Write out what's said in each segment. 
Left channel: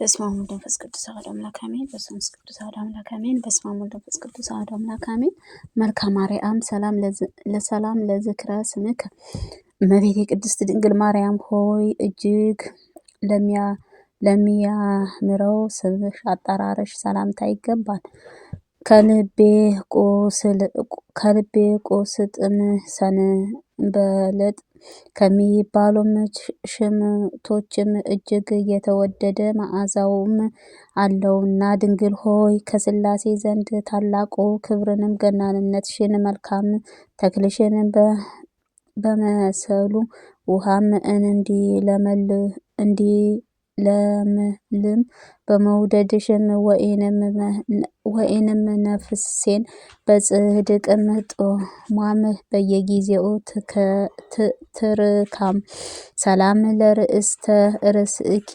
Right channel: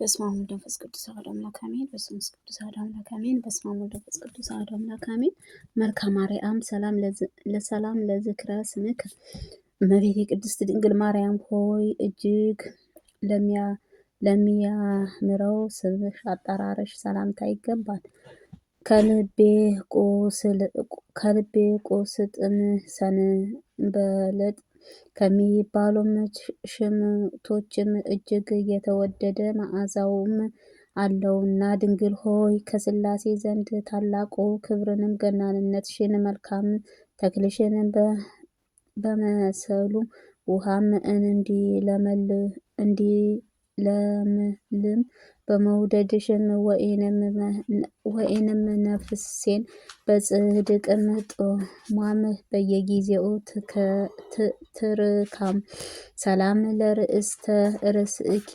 በስመ አብ ወወልድ ወመንፈስ ቅዱስ አሐዱ አምላክ አሜን። በስመ አብ ቅዱስ አሐዱ አምላክ አሜን። በስመ አብ ወወልድ ወመንፈስ ቅዱስ አሐዱ አምላክ አሜን። መልክአ ማርያም ሰላም ለዝክረ ስምከ እመቤቴ ቅድስት ድንግል ማርያም ሆይ እጅግ ለሚያምረው ስምሽ አጠራርሽ ሰላምታ ይገባል። ከልቤ ቁስጥም ሰንበለጥ ከሚባሉም ሽምቶችም እጅግ የተወደደ መዓዛውም አለውና ድንግል ሆይ ከሥላሴ ዘንድ ታላቁ ክብርንም ገናንነትሽን መልካም ተክልሽን በመሰሉ ውሃም እንዲለመልም በመውደድሽም ወይንም ነፍሴን በጽድቅም ጦሟም በየጊዜው ትርካም። ሰላም ለርእስተ ርእስኪ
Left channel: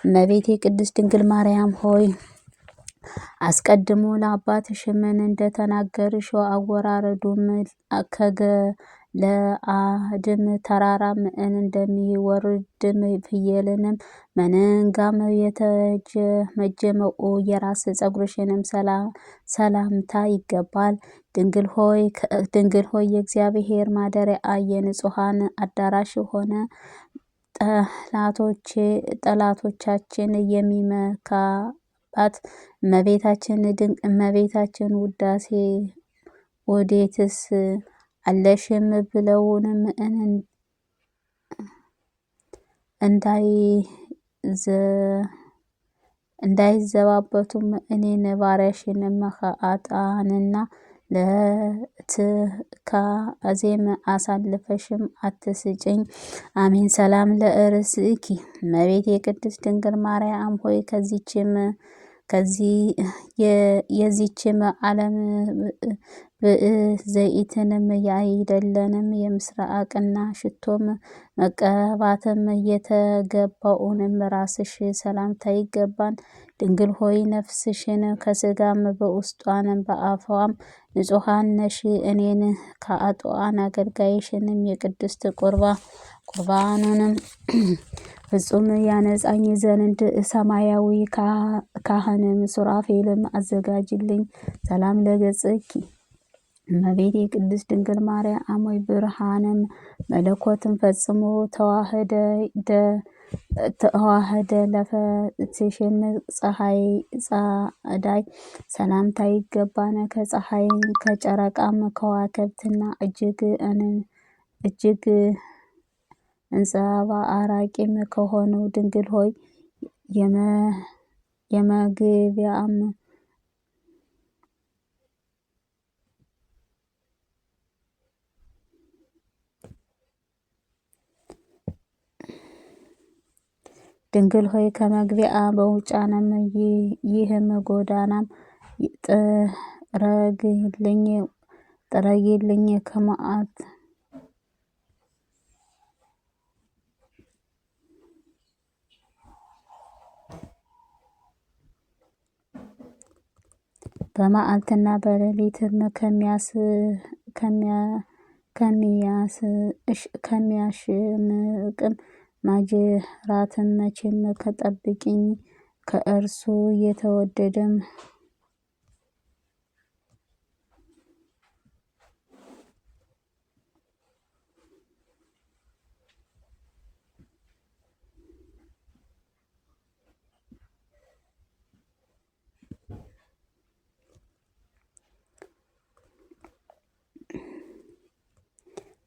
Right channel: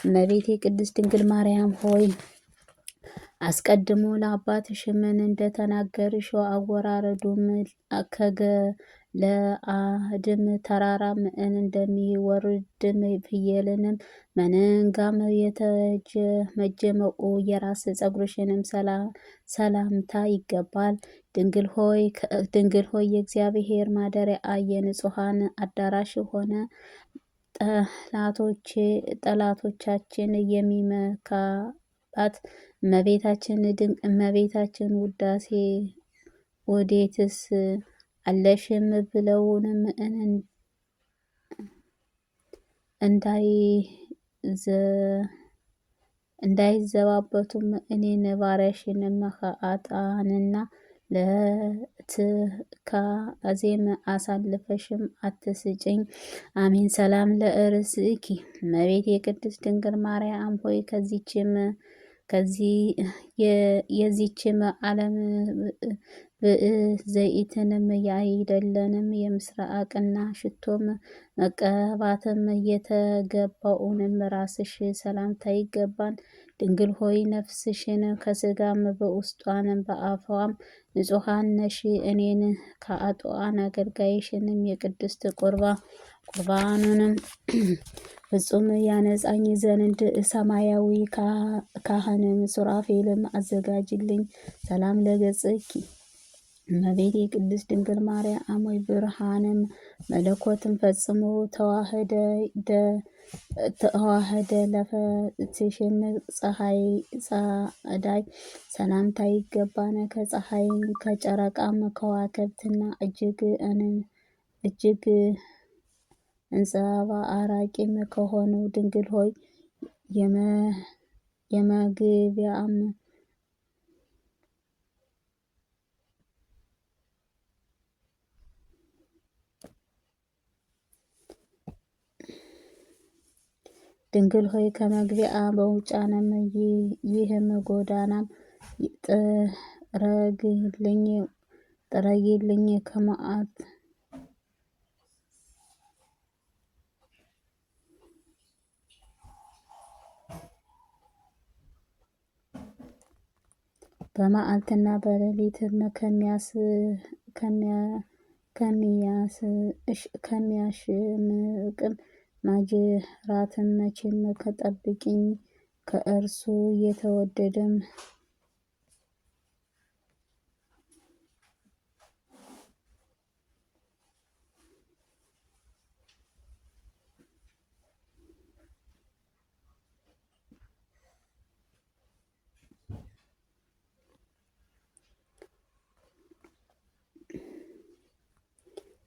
እመቤቴ ቅድስት ድንግል ማርያም ሆይ አስቀድሞ ለአባትሽም እንደተናገርሽው አወራረዱም ከገለአድም ተራራም እንደሚወርድም ፍየልንም መንጋም የተጀመጀመው የራስ ፀጉርሽንም ሰላምታ ይገባል። ድንግል ሆይ የእግዚአብሔር ማደሪያ የንጹሐን አዳራሽ ሆነ ጠላቶቻችን የሚመካባት እመቤታችን ውዳሴ ወዴትስ አለሽም ብለውንም እንዳይዘባበቱም እኔን ባሪያሽንም ኃጥአንና ለትካዜም አሳልፈሽም አትስጭኝ። አሜን። ሰላም ለርእስኪ እመቤቴ የቅድስት ድንግል ማርያም ሆይ የዚችም ዓለም ዘይትንም ያይደለንም የምስራቅና ሽቶም መቀባትም የተገባውንም ራስሽ ሰላምታ ይገባን። ድንግል ሆይ ነፍስሽን ከስጋም በውስጧንም በአፏም ንጹሐን ነሽ። እኔን ከኃጥአን አገልጋይሽንም የቅድስት ቁርባኑንም ፍጹም ያነጻኝ ዘንድ ሰማያዊ ካህንም ሱራፌልም አዘጋጅልኝ። ሰላም ለገጽኪ እመቤቴ ቅድስት ድንግል ማርያም ሆይ ብርሃንም መለኮትም ፈጽሞ ተዋህደ ለፈትሽም ጸዳይ ሰላምታ ይገባን። ከፀሐይም ከጨረቃም ከዋክብትና እጅግ አንጸባራቂም ከሆነው ድንግል ሆይ የመግቢያም ድንግል ሆይ ከመግቢያ መውጫንም ይህም ጎዳናም ጥረጊልኝ ከመዓት በመዓልትና በሌሊትም ከሚያሽምቅም ማጅራትም መቼም ከጠብቂኝ ከእርሱ የተወደደም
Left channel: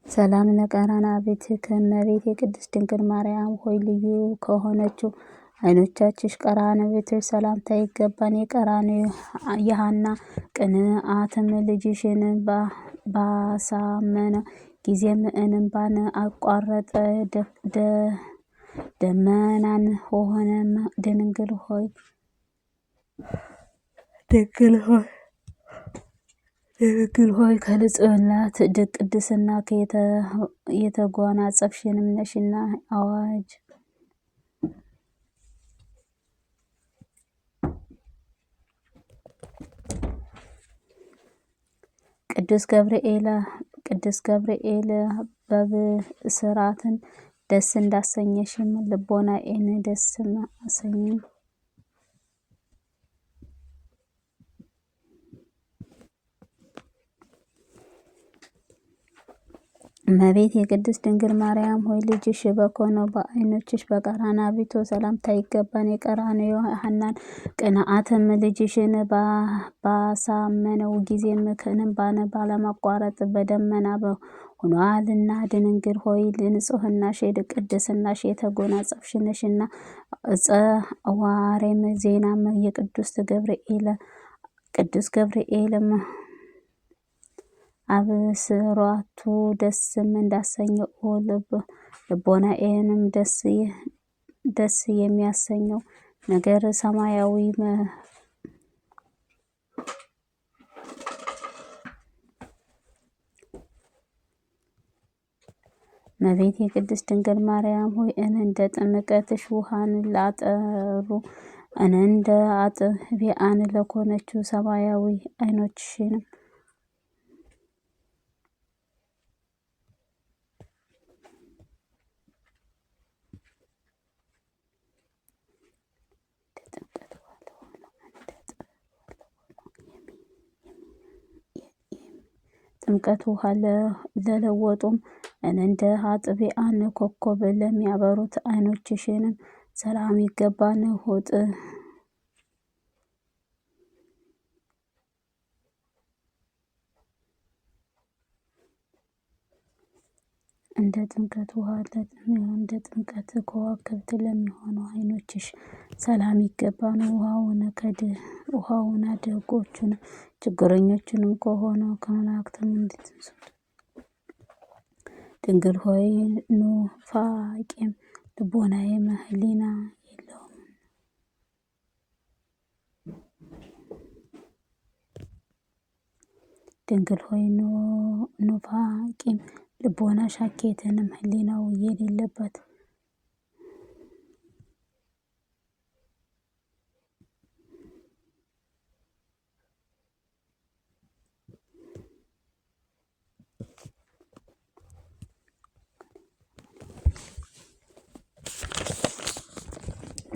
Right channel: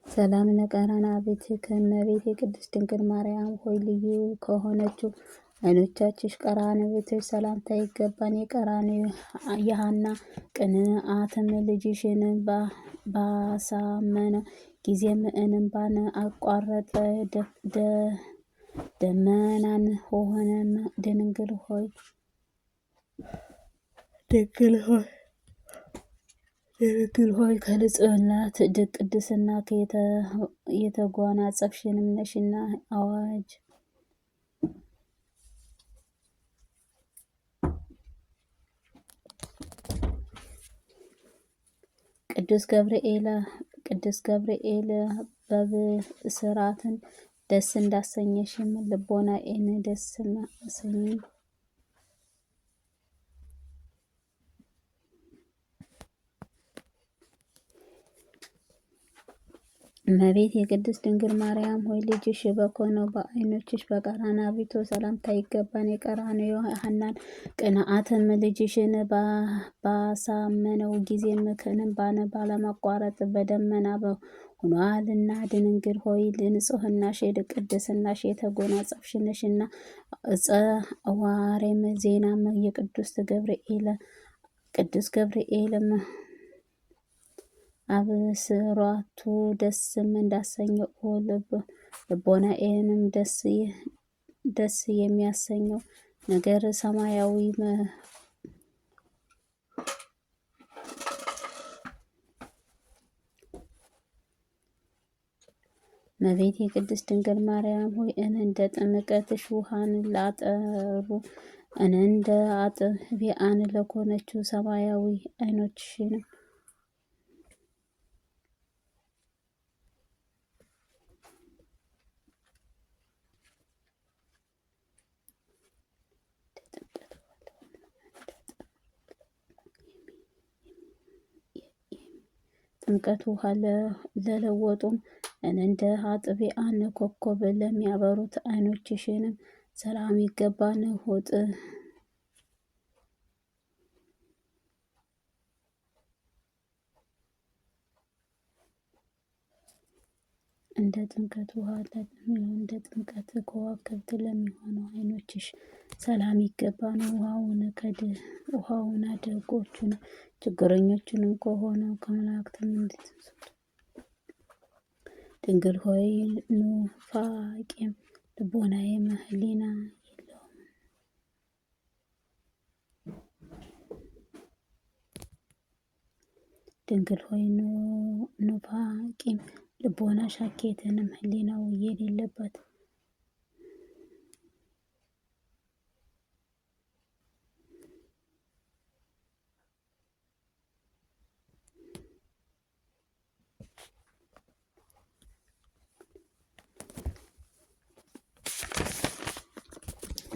ሰላም ለቀራና ቤትከ እመቤቴ የቅድስት ድንግል ማርያም ሆይ ልዩ ከሆነችው ዓይኖቻችሽ ቀራንብትሽ ሰላምታ ይገባን። የሐና ቅንዓትም ልጅሽን ባሳመነ ጊዜም እንባን አቋረጠ። ደመናን ሆነም ድንግል ሆይ ከንጽሕና ቅድስና የተጎናጸፍሽንም ነሽና። አዋጅ ቅዱስ ገብርኤል በብስራትን ደስ እንዳሰኘሽም ልቦናዬን ደስ አሰኘኝ። እመቤት የቅድስት ድንግል ማርያም ሆይ ልጅሽ በኮነው በዓይኖችሽ በቀራንዮ ሰላምታ ይገባን። የቀራንዮ ሐናን ቅንዓትም ልጅሽን ባሳመነው ጊዜ እንባን ባለማቋረጥ በደመና ሆኗልና ድንግል ሆይ ንጽሕናሽ ቅድስናሽ የተጎናጸፍሽ ነሽና። ጸዋሬም ዜናም የቅዱስ ገብርኤልም አብስሯቱ ደስም እንዳሰኘው ልቦናዬንም ደስ የሚያሰኘው ነገር ሰማያዊ እመቤቴ የቅድስት ድንግል ማርያም ሆይ እንደ ጥምቀትሽ ውሃን ላጠሩ እንደ አጥቢያን ለኮነችው ሰማያዊ ዓይኖችሽንም ጥምቀት ውሃ ለለወጡም እንደ አጥቢያን ኮከብ ለሚያበሩት ዓይኖችሽንም ሰላም ይገባን። ሆጥ እንደ ጥምቀት ውሃ እንደ ጥምቀት ከዋክብት ለሚሆኑ ዓይኖችሽ ሰላም ይገባን። ውሃውን ደጎቹን ችግረኞቹንም ከሆነው ከመላእክትም እንድትንሱት ድንግል ሆይ ኑፋቄም ልቦናዬም ሕሊና የለውም። ድንግል ሆይ ኑፋቄም ልቦና ሻኬትንም ሕሊናው የሌለበት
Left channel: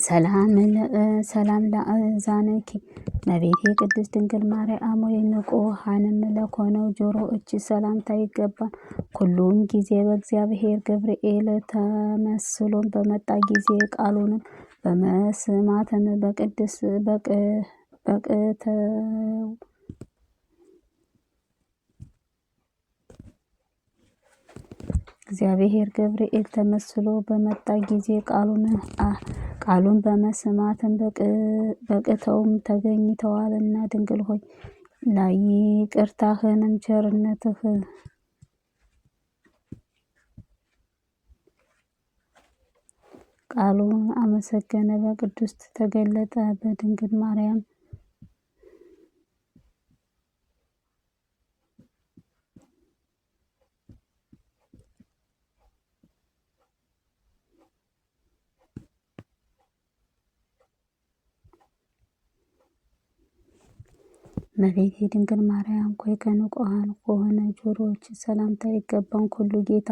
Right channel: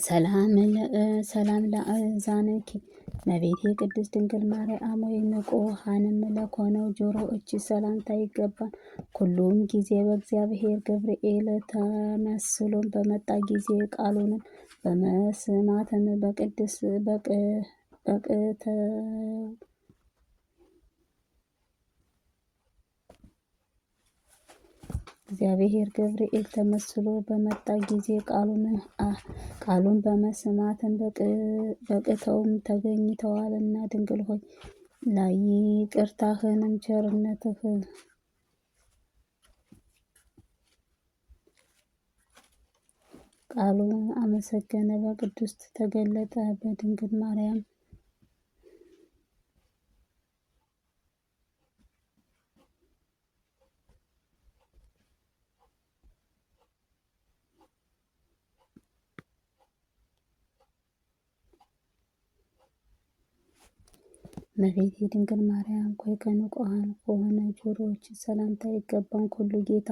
ሰላም ለአዛነኪ እመቤቴ ቅድስት ድንግል ማርያም ወይ ንቁሃንም ለኮነው ጆሮዎች ሰላምታ ይገባል። ሁሉም ጊዜ በእግዚአብሔር ገብርኤል ተመስሎን በመጣ ጊዜ ቃሉንም በመስማትም በቅድስ በቅተው እግዚአብሔር ገብርኤል ተመስሎ በመጣ ጊዜ ቃሉን በመስማትም በቅተውም ተገኝተዋልና ድንግል ሆይ ይቅርታህንም ቸርነትህ ቃሉን አመሰገነ በቅዱስ ተገለጠ በድንግል ማርያም እመቤቴ ድንግል ማርያም ሆይ ከንጹሐን ከሆነ ጆሮዎች ሰላምታ ይገባን። ሁሉ ጌታ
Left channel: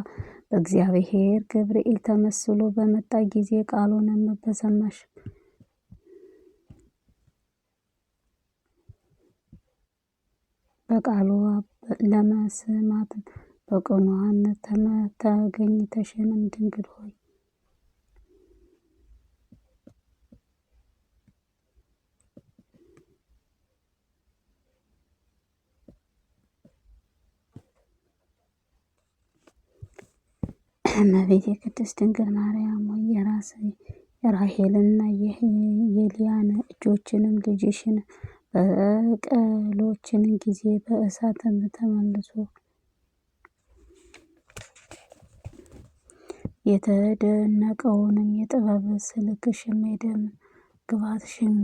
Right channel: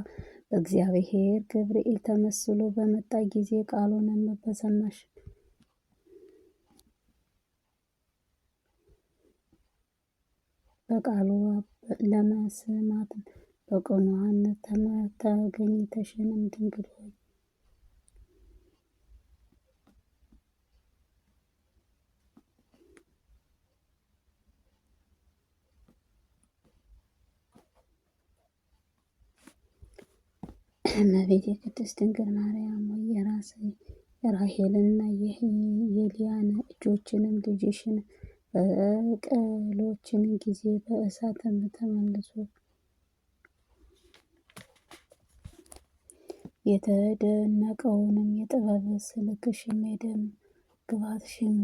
በእግዚአብሔር ገብርኤል ተመስሎ በመጣ ጊዜ ቃሉንም በሰማሽ በቃሉ ለመስማት በቅንዋነት ተገኝተሽንም ድንግል ሆይ እመቤቴ ቅድስት ድንግል ማርያም ሆይ የራሔልና የሊያን እጆችንም ልጅሽን በቀሎችን ጊዜ በእሳትም ተመልሶ የተደነቀውንም የጥበብ ስልክሽም የደም ግባትሽን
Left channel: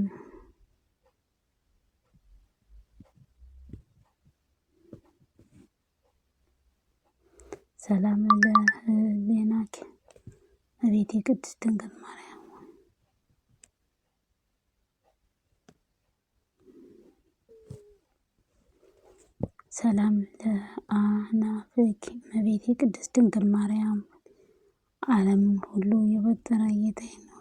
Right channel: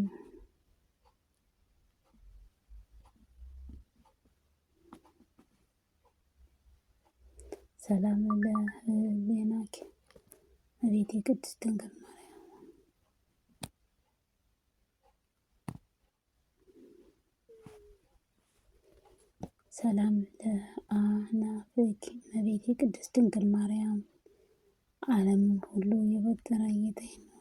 ሰላም ለሕሊናኪ እመቤቴ ቅድስት ድንግል ማርያም ሰላም ለአእናፍኪ እመቤቴ ቅድስት ድንግል ማርያም ዓለምን ሁሉ የፈጠረ ጌታዬ ነው።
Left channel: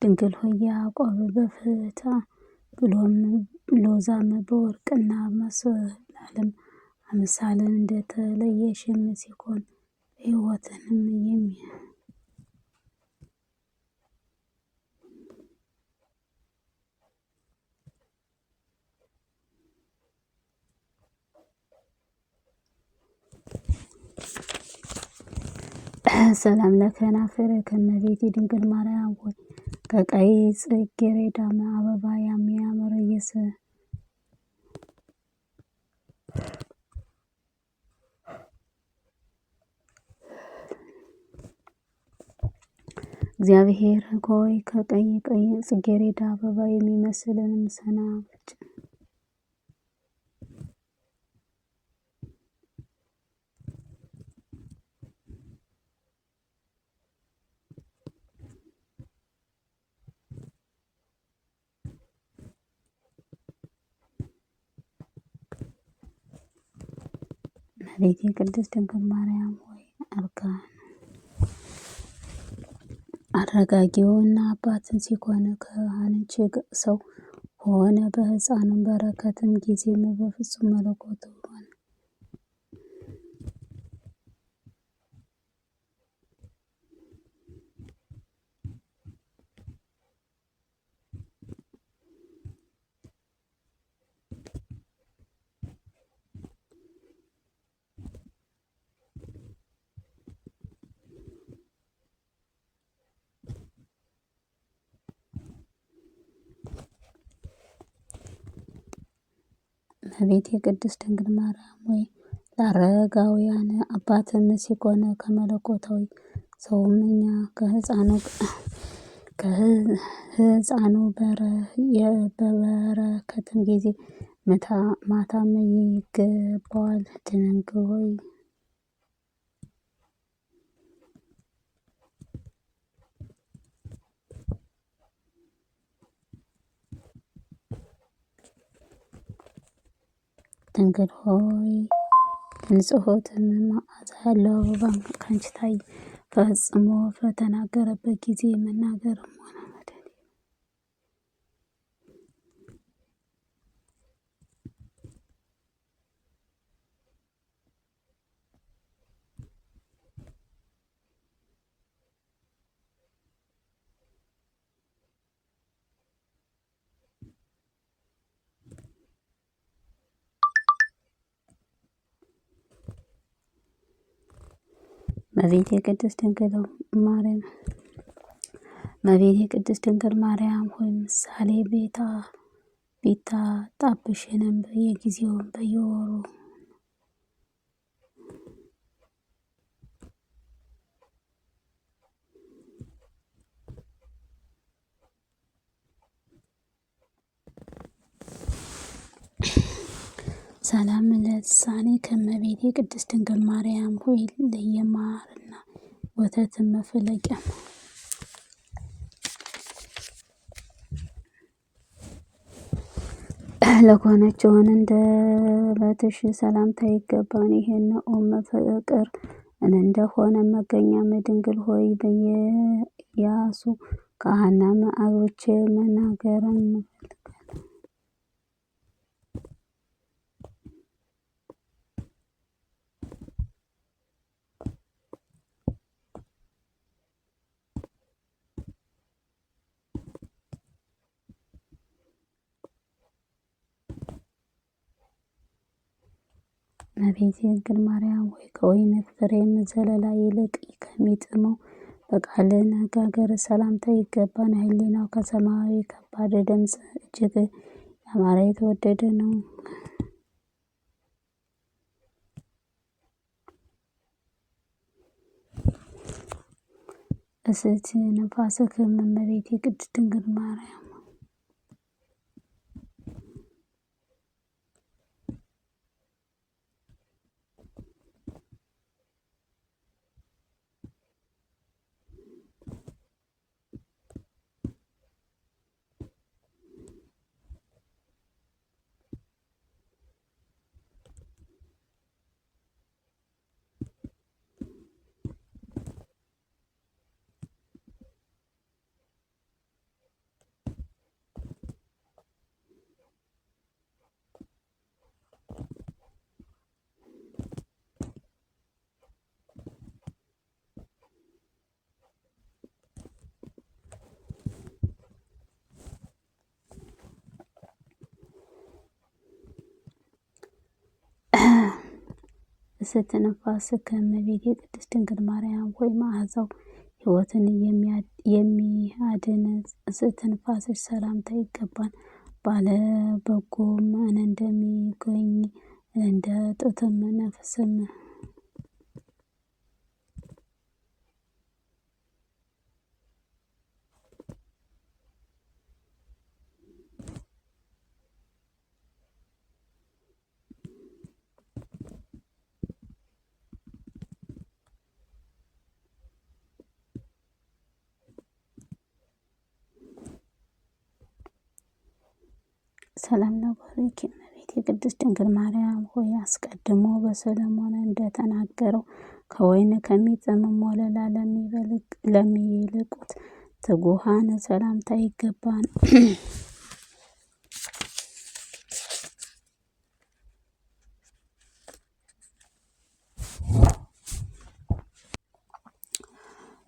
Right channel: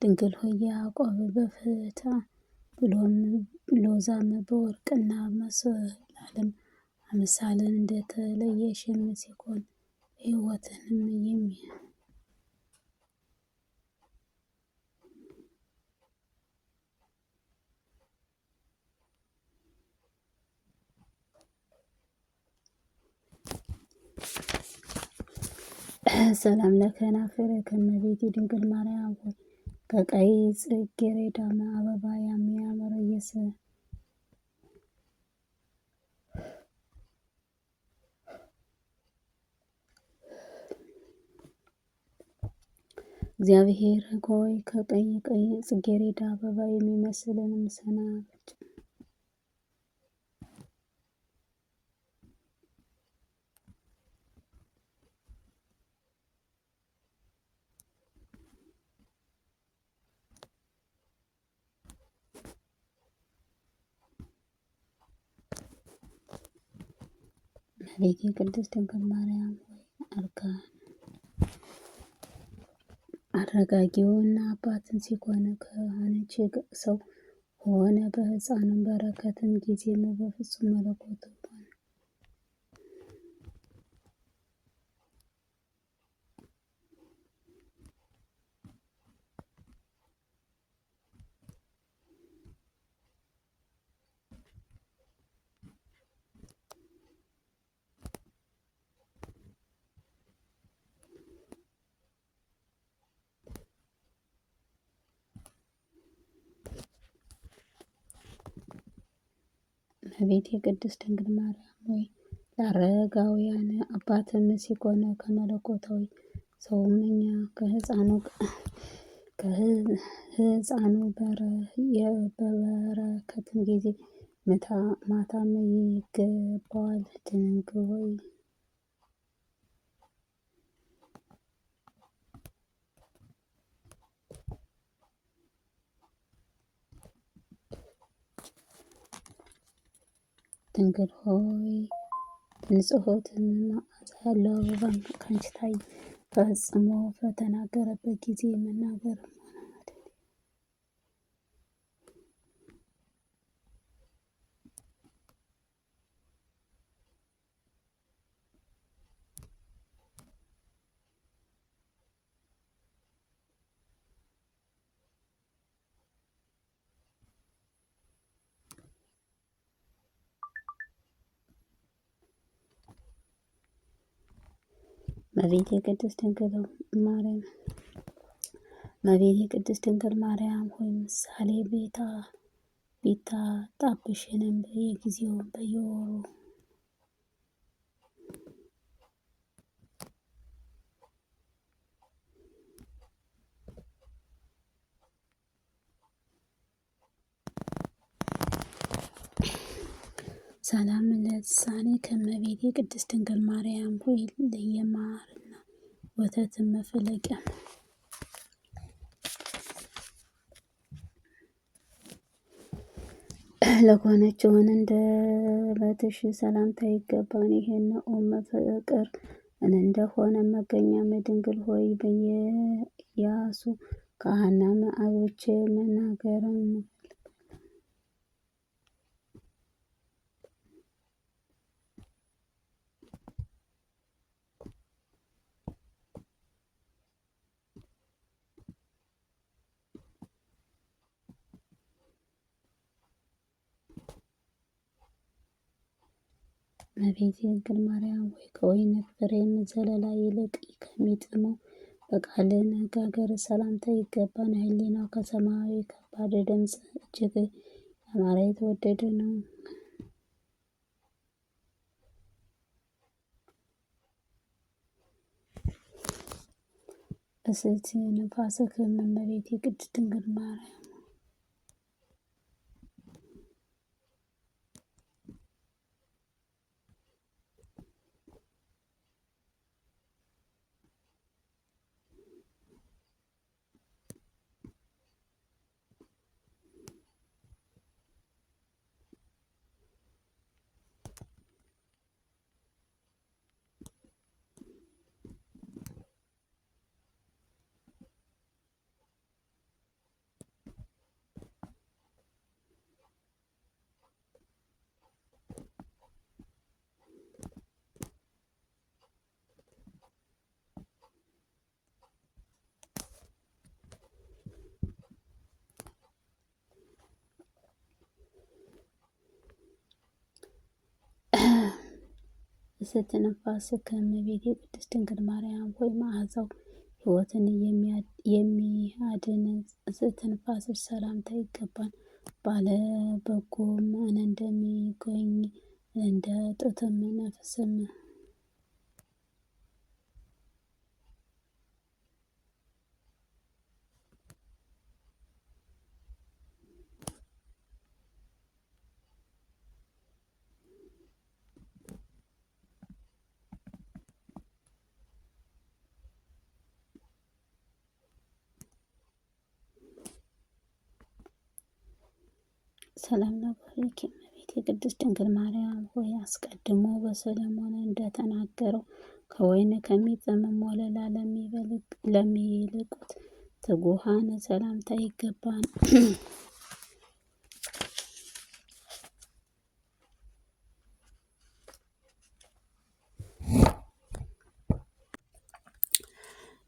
ድንግል ሆይ ያዕቆብ በፍታ ብሎም ሎዛም በወርቅና መሰላልም አምሳልን እንደተለየሽም ሲሆን ሕይወትንም ሰላም ለከናፍር ከመቤቴ ድንግል ማርያም ሆይ ከቀይ ጽጌረዳ አበባ የሚያምር እግዚአብሔር ሆይ ከቀይ ጽጌረዳ አበባ የሚመስልን ሰናፍጭ እመቤቴ ቅድስት ድንግል ማርያም ሆይ አረጋጊውና አባትን ሲሆን ከአንቺ ሰው ሆነ በሕፃኑም በረከትም ጊዜም በፍጹም መለኮቱ ሆነ። እመቤቴ ቅድስት ድንግል ማርያም ሆይ ለአረጋውያን አባትም ሲሆን ከመለኮታዊ ሰውም እኛ ከሕፃኑ በበረከትም ጊዜ ማታም ይገባዋል። ድንግል ሆይ ድንግል ሆይ ንጽሖትም መዓዛ ያለው አበባ ካንቺ ታየ። ፈጽሞ በተናገረበት ጊዜ መናገርም ሆነ መደድ እመቤቴ ቅድስት ድንግል ማርያም ሆይ ምሳሌ ቢታጣብሽንም በየጊዜውም በየወሩ ሰላም ለልሳኔ ከመቤቴ ቅድስት ድንግል ማርያም ሆይ ለየማርና ወተትን መፈለቂያ ለሆነችውን እንደ በትሽ ሰላምታ ይገባን። ይሄን ፍቅር እንደሆነ መገኛ ድንግል ሆይ በየያሱ ካህናም አግብቼ መናገርም እመቤቴ ድንግል ማርያም ሆይ ከወይን ፍሬም ዘለላ ይልቅ ከሚጥመው በቃል አነጋገር ሰላምታ ይገባን። ሕሊናው ከሰማያዊ ከባድ ድምፅ እጅግ ያማረ የተወደደ ነው። እስቲ ነፋስክም እመቤቴ ቅድስት ድንግል ማርያም ስትንፋስ ከእመቤቴ ቅድስት ድንግል ማርያም ሆይ መዓዛው ሕይወትን የሚያድን ስትንፋስሽ ሰላምታ ይገባል። ባለ በጎም እንደሚገኝ እንደ ጡትም ነፍስም ሰላም ለባህሪኪ እመቤቴ ቅድስት ድንግል ማርያም ሆይ አስቀድሞ በሰለሞን እንደተናገረው ከወይን ከሚጥምም ወለላ ለሚልቁት ትጉሃን ሰላምታ ይገባል።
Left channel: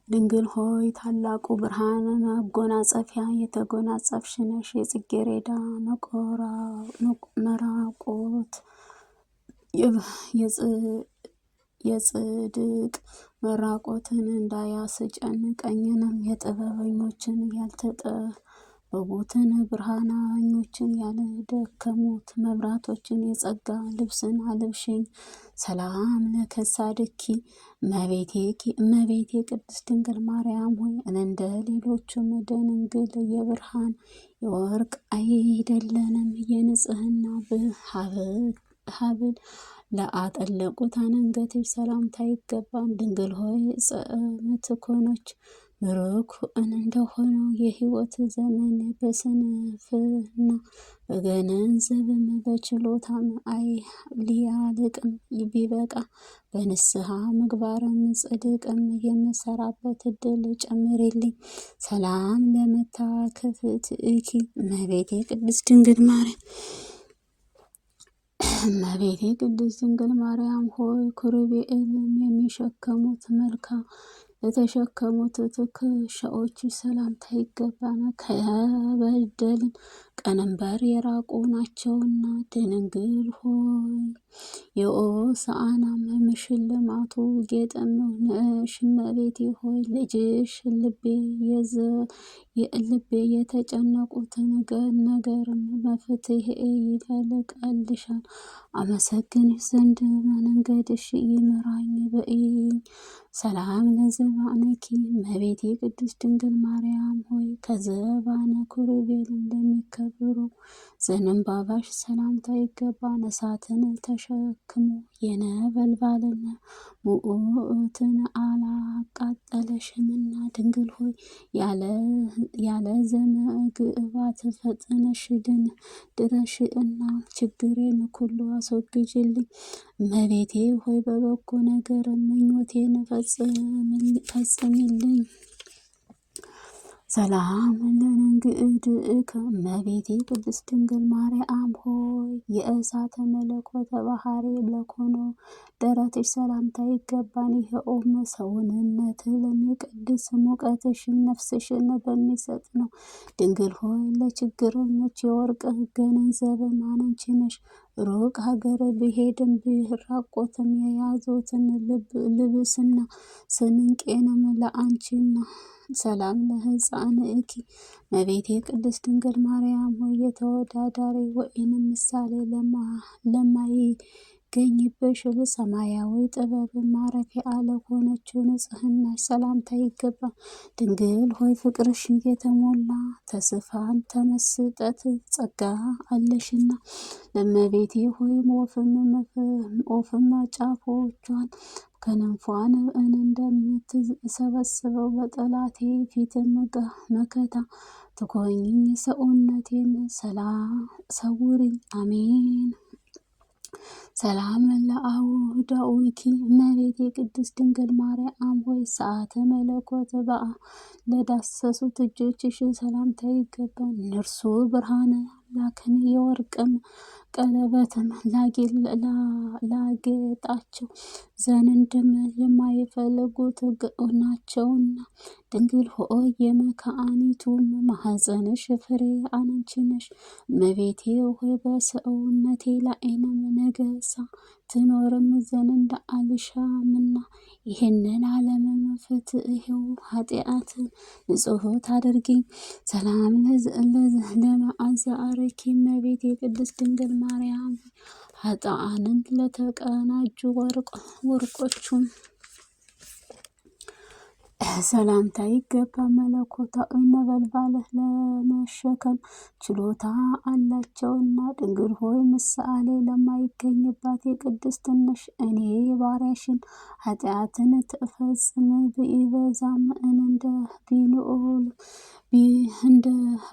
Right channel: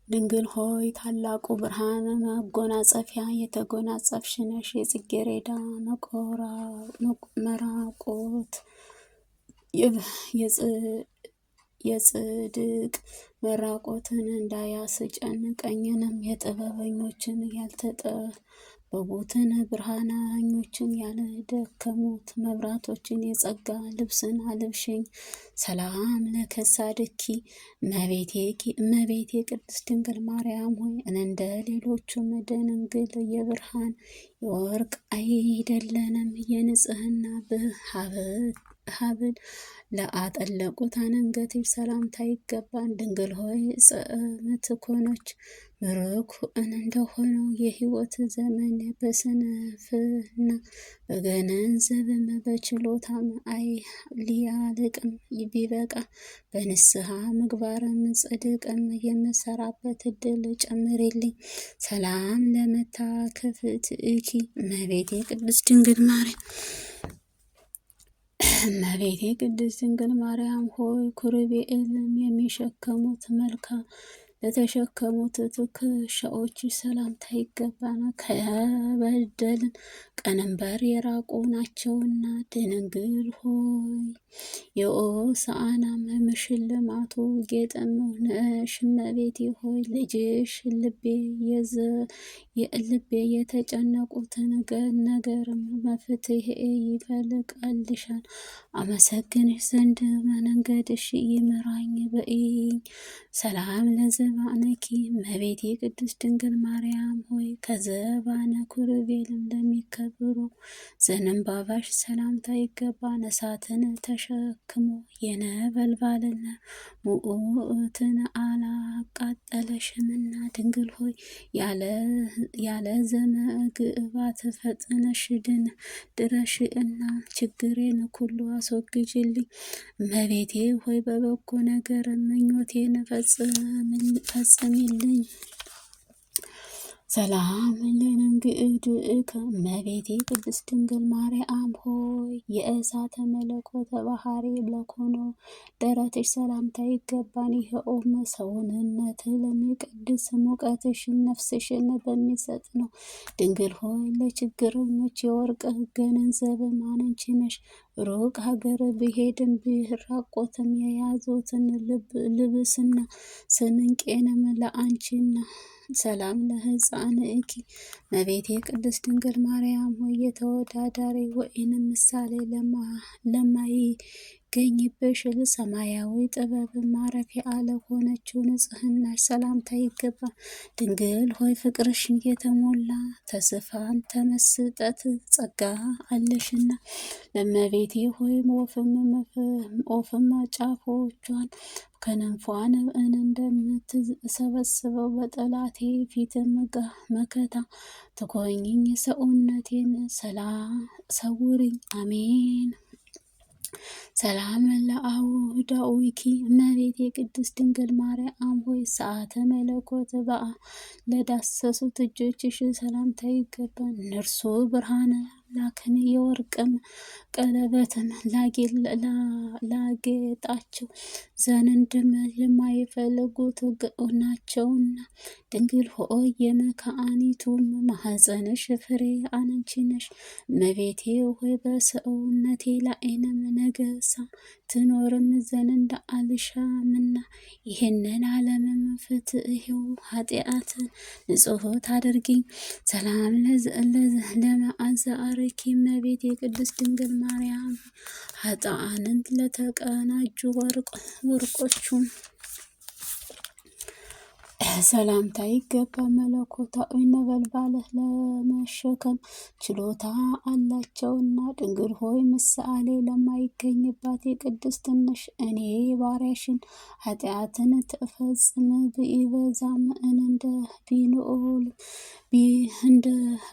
ድንግል ሆይ ታላቁ ብርሃን መጎናጸፊያ የተጎናጸፍሽ ነሽ። የጽጌረዳ መራቆት የጽድቅ መራቆትን እንዳያስጨንቀኝንም የጥበበኞችን ያልተጠበቡትን ብርሃናኞችን ያልደከሙት መብራቶችን የጸጋ ልብስን አልብሽኝ። ሰላም ለከሳድኪ እመቤቴ ቅድስት ድንግል ማርያም ሆይ እንደ ሌሎቹም ደናግል የብርሃን የወርቅ አይደለንም። የንጽህና ሀብል ለአጠለቁት አንገትሽ ሰላምታ ይገባል። ድንግል ሆይ ምትኮኖች ምሩክ እንደሆነው የሕይወት ዘመን በስንፍና በገንዘብም በችሎታም ሊያልቅም ቢበቃ በንስሐ ምግባርም ጽድቅም የምሰራበት እድል ጨምሬልኝ። ሰላም ለመታከፍትኪ እመቤቴ ቅድስት ድንግል ማርያም እመቤቴ ቅድስት ድንግል ማርያም ሆይ ኪሩቤልም የሚሸከሙት መልካም ለተሸከሙት ትከሻዎች ሰላምታ ይገባናል። ከበደልን ቀንበር የራቁ ናቸውና። ድንግል ሆይ የሆሳዕናም ሽልማቱ ጌጥም ነሽ። እመቤቴ ሆይ ልጅሽ ልቤ የተጨነቁትን ነገርም መፍትሄ ይፈልቃልሻል። አመሰግንሽ ዘንድ መንገድሽ ይምራኝ በይኝ። ሰላም ለዘባነኪ እመቤቴ ቅድስት ድንግል ማርያም ሆይ ከዘባነ ኪሩቤልም ለሚከብሩ ዘንባባሽ ሰላምታ ይገባል። እሳትን ተሸክሞ የነበልባልና ሙእትን አላቃጠለሽምና። ድንግል ሆይ ያለ ዘመግባት ፈጥነሽ ድረሽና ችግሬን ሁሉ አስወግጅልኝ። እመቤቴ ሆይ በበጎ ነገር ምኞቴን ፈጽሚልኝ። ሰላም ለንግድእከ እመቤቴ ቅድስት ድንግል ማርያም ሆይ የእሳተ መለኮት ባህሪ ለሆነው ደረትሽ ሰላምታ ይገባል። ይኸውም ሰውነት ለሚቀድስ ሙቀትሽን ነፍስሽን በሚሰጥ ነው። ድንግል ሆይ ለችግረኞች የወርቅ ገንዘብ አንቺ ነሽ። ሩቅ ሀገር ብሄድም ብራቆትም የያዙትን ልብስና ስንቄንም ለአንቺና። ሰላም ለሕፃንኪ እመቤቴ ቅድስት ድንግል ማርያም ሆይ የተወዳዳሪ ወይንም ምሳሌ ለማይገኝብሽ ሰማያዊ ጥበብ ማረፊያ ለሆነችው ንጽሕናሽ ሰላምታ ይገባል። ድንግል ሆይ ፍቅርሽን የተሞላ ተስፋን ተመስጠት ጸጋ አለሽና። እመቤቴ ሆይ ወፍም ጫፎቿን ከነፏን እንደምትሰበስበው በጠላቴ ፊት መከታ ትኮኝኝ። ሰውነቴን ሰውሪኝ። አሜን። ሰላም ለአውዳዊኪ እመቤቴ ቅድስት ድንግል ማርያም ሆይ ሰዓተ መለኮት ለዳሰሱት እጆችሽ ሰላምታ ይገባል። እነርሱ ብርሃን አምላክን የወርቅም ቀለበትም ላጌጣቸው ዘንድም የማይፈልጉት ናቸውና ድንግል ሆይ የመካኒቱም ማኅፀንሽ ፍሬ አንቺ ነሽ። እመቤቴ ሆይ በሰውነቴ ላይንም ነገሳ ትኖርም ዘንድ አልሻምና ይህንን ዓለምም ፍትሕው ኃጢአት ንጹሕት አድርጊኝ። ሰላም ለመዓዛርኪ እመቤቴ ቅድስት ድንግል ማርያም ኃጥአንን ለተቀናጁ ወርቆቹም ሰላምታ ይገባ። መለኮታዊ ነበልባልህ ለመሸከም ችሎታ አላቸውና ድንግል ሆይ ምሳሌ ለማይገኝባት የቅድስት ነሽ። እኔ ባሪያሽን ኃጢአትን ትፈጽም ቢበዛም እንደ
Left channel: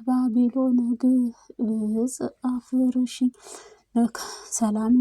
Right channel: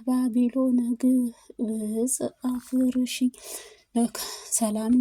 ባቢሎን ግብጽ አፍርሽኝ። ሰላም